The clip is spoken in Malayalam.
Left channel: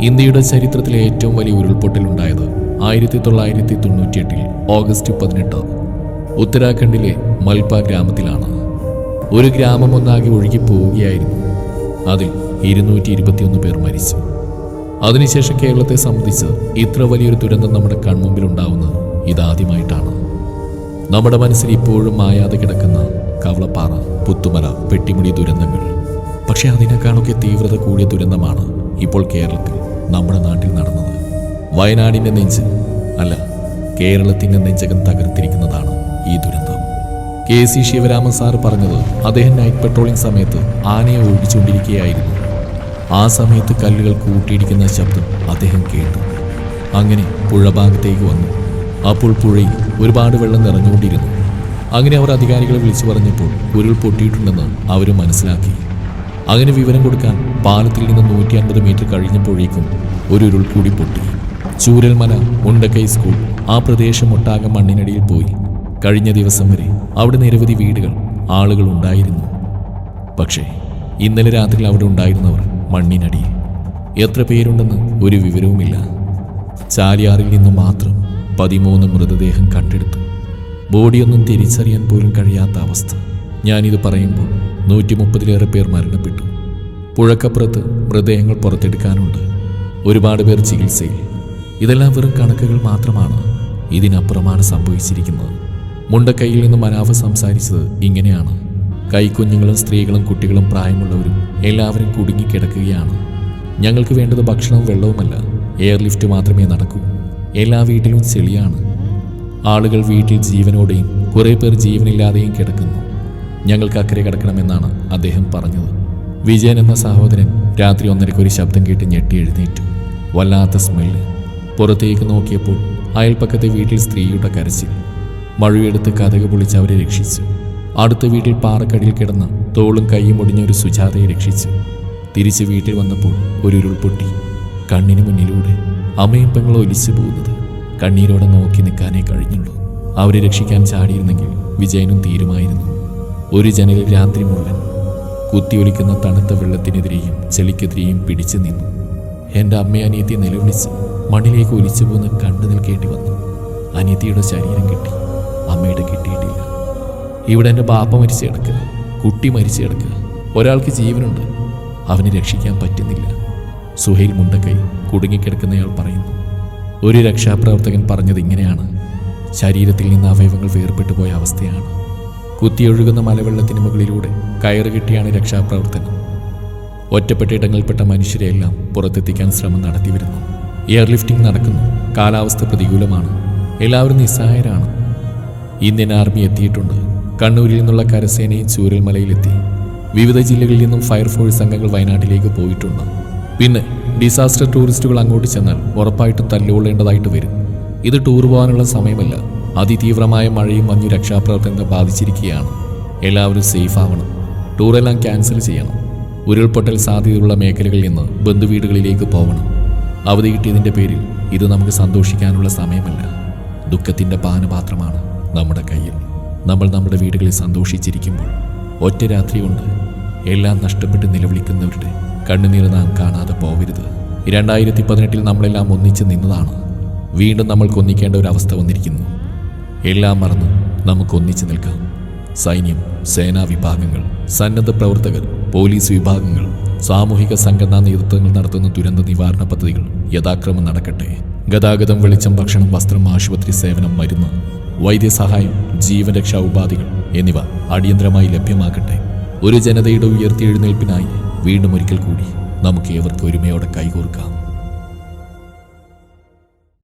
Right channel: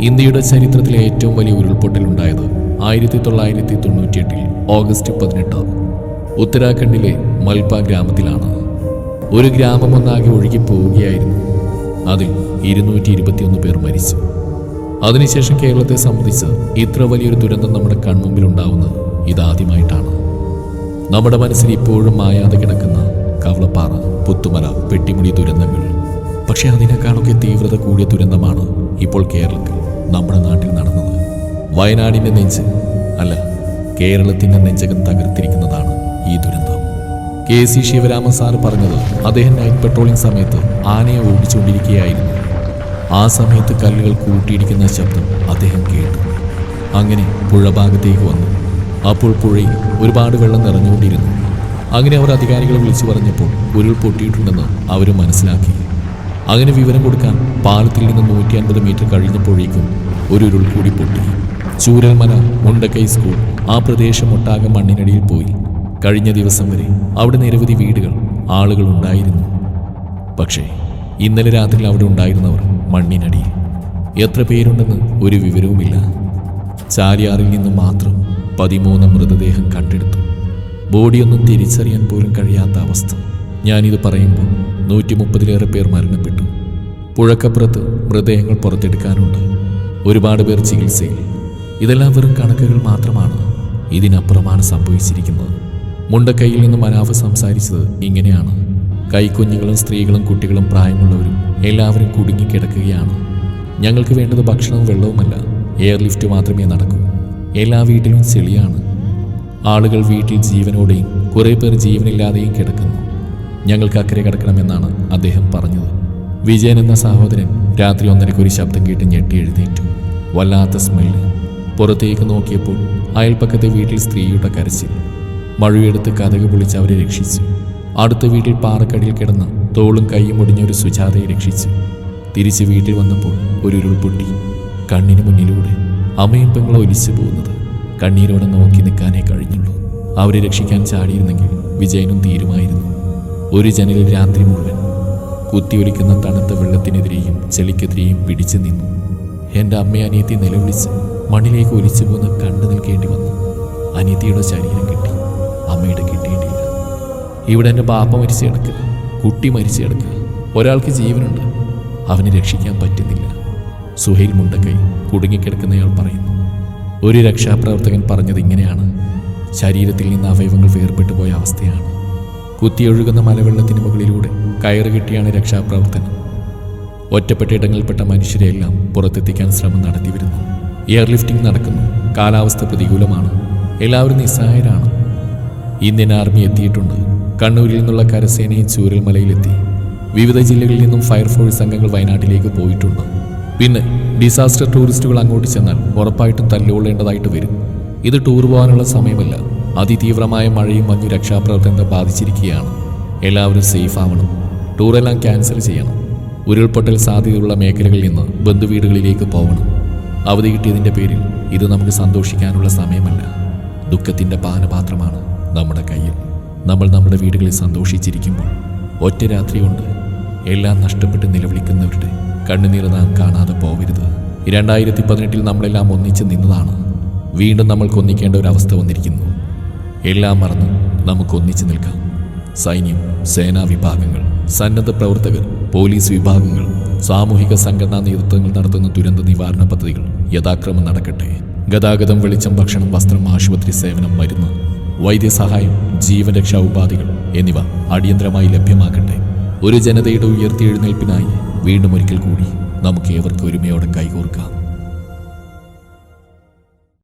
ഇന്ത്യയുടെ ചരിത്രത്തിലെ ഏറ്റവും വലിയ ഉരുൾപൊട്ടലുണ്ടായത് ആയിരത്തി തൊള്ളായിരത്തി തൊണ്ണൂറ്റിയെട്ടിൽ ഓഗസ്റ്റ് പതിനെട്ട്. ഉത്തരാഖണ്ഡിലെ മൽപ ഗ്രാമത്തിലാണ്. ഒരു ഗ്രാമം ഒന്നാകെ ഒഴുകി പോവുകയായിരുന്നു. അതിൽ ഇരുന്നൂറ്റി ഇരുപത്തിയൊന്ന് പേർ മരിച്ചു. അതിനുശേഷം കേരളത്തെ സംബന്ധിച്ച് ഇത്ര വലിയൊരു ദുരന്തം നമ്മുടെ കൺമുമ്പിൽ ഉണ്ടാവുന്നത് ഇതാദ്യമായിട്ടാണ്. നമ്മുടെ മനസ്സിൽ ഇപ്പോഴും മായാതെ കിടക്കുന്ന കവളപ്പാറ പുത്തുമല പെട്ടിമുടി ദുരന്തങ്ങൾ പക്ഷെ അതിനേക്കാളൊക്കെ തീവ്രത കൂടിയ ദുരന്തമാണ് ഇപ്പോൾ കേരളത്തിൽ നമ്മുടെ നാട്ടിൽ നടന്നത്. വയനാടിന്റെ നെഞ്ച് അല്ല കേരളത്തിന്റെ നെഞ്ചകം തകർത്തിരിക്കുന്നതാണ് ഈ ദുരന്തം. കെ സി ശിവരാമൻ സാർ പറഞ്ഞത് അദ്ദേഹം നൈറ്റ് പെട്രോളിംഗ് സമയത്ത് ആനയെ ഓടിച്ചുകൊണ്ടിരിക്കുകയായിരുന്നു ആ സമയത്ത് കല്ലുകൾ കൂട്ടിയിടിക്കുന്ന ശബ്ദം അദ്ദേഹം കേട്ടു. അങ്ങനെ പുഴഭാഗത്തേക്ക് വന്നു. അപ്പോൾ പുഴയിൽ ഒരുപാട് വെള്ളം നിറഞ്ഞുകൊണ്ടിരുന്നു. അങ്ങനെ അവർ അധികാരികളെ വിളിച്ചു പറഞ്ഞപ്പോൾ ഉരുൾ പൊട്ടിയിട്ടുണ്ടെന്ന് അവർ മനസ്സിലാക്കി. അങ്ങനെ വിവരം കൊടുക്കാൻ പാലത്തിൽ നിന്ന് നൂറ്റി അൻപത് മീറ്റർ കഴിഞ്ഞപ്പോഴേക്കും ഒരു ഉരുൾ കൂടി പൊട്ടി. ചൂരൽമല മുണ്ടക്കൈ സ്കൂൾ ആ പ്രദേശം ഒട്ടാകെ മണ്ണിനടിയിൽ പോയി. കഴിഞ്ഞ ദിവസം വരെ അവിടെ നിരവധി വീടുകൾ ആളുകൾ ഉണ്ടായിരുന്നു. പക്ഷേ ഇന്നലെ രാത്രി അവിടെ ഉണ്ടായിരുന്നവർ മണ്ണിനടി. എത്ര പേരുണ്ടെന്ന് ഒരു വിവരവുമില്ല. ചാലിയാറിൽ നിന്ന് മാത്രം പതിമൂന്ന് മൃതദേഹം കണ്ടെടുത്തു. ബോഡിയൊന്നും തിരിച്ചറിയാൻ പോലും കഴിയാത്ത അവസ്ഥ. ഞാനിത് പറയുമ്പോൾ നൂറ്റി മുപ്പതിലേറെ പേർ മരണപ്പെട്ടു. പുഴക്കപ്പുറത്ത് മൃതദേഹങ്ങൾ പുറത്തെടുക്കാനുണ്ട്. ഒരുപാട് പേർ ചികിത്സയിൽ. ഇതെല്ലാം വെറും കണക്കുകൾ മാത്രമാണ് ഇതിനപ്പുറമാണ് സംഭവിച്ചിരിക്കുന്നത്. മുണ്ടക്കൈയിൽ നിന്നും മനാഫ് സംസാരിച്ചത് ഇങ്ങനെയാണ്. കൈക്കുഞ്ഞുങ്ങളും സ്ത്രീകളും കുട്ടികളും പ്രായമുള്ളവരും എല്ലാവരും കുടുങ്ങിക്കിടക്കുകയാണ്. ഞങ്ങൾക്ക് വേണ്ടത് ഭക്ഷണവും വെള്ളവുമല്ല. എയർലിഫ്റ്റ് മാത്രമേ നടക്കൂ. എല്ലാ വീട്ടിലും ചെളിയാണ്. ആളുകൾ വീട്ടിൽ ജീവനോടെയും കുറേ പേർ ജീവനില്ലാതെയും കിടക്കുന്നു. ഞങ്ങൾക്ക് അക്കരെ കിടക്കണമെന്നാണ് അദ്ദേഹം പറഞ്ഞത്. വിജയൻ എന്ന സഹോദരൻ രാത്രി ഒന്നരയ്ക്ക് ഒരു ശബ്ദം കേട്ട് ഞെട്ടി എഴുന്നേറ്റു. വല്ലാത്ത സ്മെല്ല് പുറത്തേക്ക് നോക്കിയപ്പോൾ അയൽപ്പക്കത്തെ വീട്ടിൽ സ്ത്രീയുടെ കരച്ചിൽ. മഴയെടുത്ത് കഥക് പൊളിച്ച് അവരെ രക്ഷിച്ചു. അടുത്ത വീട്ടിൽ പാറക്കടിയിൽ കിടന്ന തോളും കൈയും ഒടിഞ്ഞൊരു സുജാതയെ രക്ഷിച്ചു. തിരിച്ച് വീട്ടിൽ വന്നപ്പോൾ ഒരു ഉരുൾപൊട്ടി കണ്ണിന് മുന്നിലൂടെ അമ്മയും പെങ്ങളും ഒലിച്ചു പോകുന്നത് കണ്ണീരോടെ നോക്കി നിൽക്കാനേ കഴിഞ്ഞുള്ളൂ. അവരെ രക്ഷിക്കാൻ ചാടിയിരുന്നെങ്കിൽ വിജയനും തീരുമായിരുന്നു. ഒരു ജനലിൽ രാത്രി മുഴുവൻ കുത്തിയൊലിക്കുന്ന തണുത്ത വെള്ളത്തിനെതിരെയും ചെളിക്കെതിരെയും പിടിച്ചു നിന്നു. എന്റെ അമ്മയെ അനിയത്തി നിലവിളിച്ച് മണ്ണിലേക്ക് ഒലിച്ചു പോകുന്ന കണ്ടു നിൽക്കേണ്ടി വന്നു. അനിയത്തിയുടെ ശരീരം കിട്ടി. അമ്മയുടെ കിട്ടിയിട്ടില്ല. ഇവിടെ എന്റെ ബാപ്പ മരിച്ചു കിടക്കുക കുട്ടി മരിച്ചു കിടക്കുക ഒരാൾക്ക് ജീവനുണ്ട്. അവനെ രക്ഷിക്കാൻ പറ്റുന്നില്ല. സുഹൈൽ മുണ്ടക്കൈ കുടുങ്ങിക്കിടക്കുന്നയാൾ പറയുന്നു ഒരു രക്ഷാപ്രവർത്തകൻ പറഞ്ഞത് ഇങ്ങനെയാണ്. ശരീരത്തിൽ നിന്ന് അവയവങ്ങൾ വേർപെട്ടു പോയ അവസ്ഥയാണ്. കുത്തിയൊഴുകുന്ന മലവെള്ളത്തിന് മുകളിലൂടെ കയറുകെട്ടിയാണ് രക്ഷാപ്രവർത്തനം. ഒറ്റപ്പെട്ട ഇടങ്ങളിൽപ്പെട്ട മനുഷ്യരെയെല്ലാം പുറത്തെത്തിക്കാൻ ശ്രമം നടത്തിവരുന്നു. എയർലിഫ്റ്റിംഗ് നടക്കുന്നു. കാലാവസ്ഥ പ്രതികൂലമാണ്. എല്ലാവരും നിസ്സഹായരാണ്. ഇന്ത്യൻ ആർമി എത്തിയിട്ടുണ്ട്. കണ്ണൂരിൽ നിന്നുള്ള കരസേനയും ചൂരൽമലയിലെത്തി. വിവിധ ജില്ലകളിൽ നിന്നും ഫയർഫോഴ്സ് അംഗങ്ങൾ വയനാട്ടിലേക്ക് പോയിട്ടുണ്ട്. പിന്നെ ഡിസാസ്റ്റർ ടൂറിസ്റ്റുകൾ അങ്ങോട്ട് ചെന്നാൽ ഉറപ്പായിട്ടും തല്ലുകൊള്ളേണ്ടതായിട്ട് വരും. ഇത് ടൂർ പോകാനുള്ള സമയമല്ല. അതിതീവ്രമായ മഴയും മഞ്ഞു രക്ഷാപ്രവർത്തനത്തെ ബാധിച്ചിരിക്കുകയാണ്. എല്ലാവരും സേഫ് ആവണം. ടൂറെല്ലാം ക്യാൻസൽ ചെയ്യണം. ഉരുൾപൊട്ടൽ സാധ്യതയുള്ള മേഖലകളിൽ നിന്ന് ബന്ധുവീടുകളിലേക്ക് പോകണം അവധി കിട്ടിയതിന്റെ പേരിൽ ഇത് നമുക്ക് സന്തോഷിക്കാനുള്ള സമയമല്ല. ദുഃഖത്തിന്റെ പാനപാത്രമാണ് നമ്മുടെ കയ്യിൽ. നമ്മൾ നമ്മുടെ വീടുകളിൽ സന്തോഷിച്ചിരിക്കുമ്പോൾ ഒറ്റ രാത്രി കൊണ്ട് എല്ലാം നഷ്ടപ്പെട്ട് നിലവിളിക്കുന്നവരുടെ കണ്ണുനീർ നാം കാണാതെ പോവരുത്. രണ്ടായിരത്തി പതിനെട്ടിൽ നമ്മളെല്ലാം ഒന്നിച്ച് നിന്നതാണ്. വീണ്ടും നമ്മൾക്ക് ഒന്നിക്കേണ്ട ഒരു അവസ്ഥ വന്നിരിക്കുന്നു. എല്ലാം മറന്ന് നമുക്ക് ഒന്നിച്ചു നിൽക്കാം. സൈന്യം സേനാ വിഭാഗങ്ങൾ സന്നദ്ധ പ്രവർത്തകർ പോലീസ് വിഭാഗങ്ങൾ സാമൂഹിക സംഘടനാ നേതൃത്വങ്ങൾ നടത്തുന്ന ദുരന്ത നിവാരണ പദ്ധതികൾ യഥാക്രമം നടക്കട്ടെ. ഗതാഗതം വെളിച്ചം ഭക്ഷണം വസ്ത്രം ആശുപത്രി സേവനം മരുന്ന് വൈദ്യസഹായം ജീവരക്ഷാ ഉപാധികൾ എന്നിവ അടിയന്തരമായി ലഭ്യമാക്കട്ടെ ഒരു ജനതയുടെ ഉയർത്തിയെഴുന്നേൽപ്പിനായി വീണ്ടും ഒരിക്കൽ കൂടി നമുക്ക് ഏവർക്ക് ഒരുമയോടെ കൈകോർക്കാം.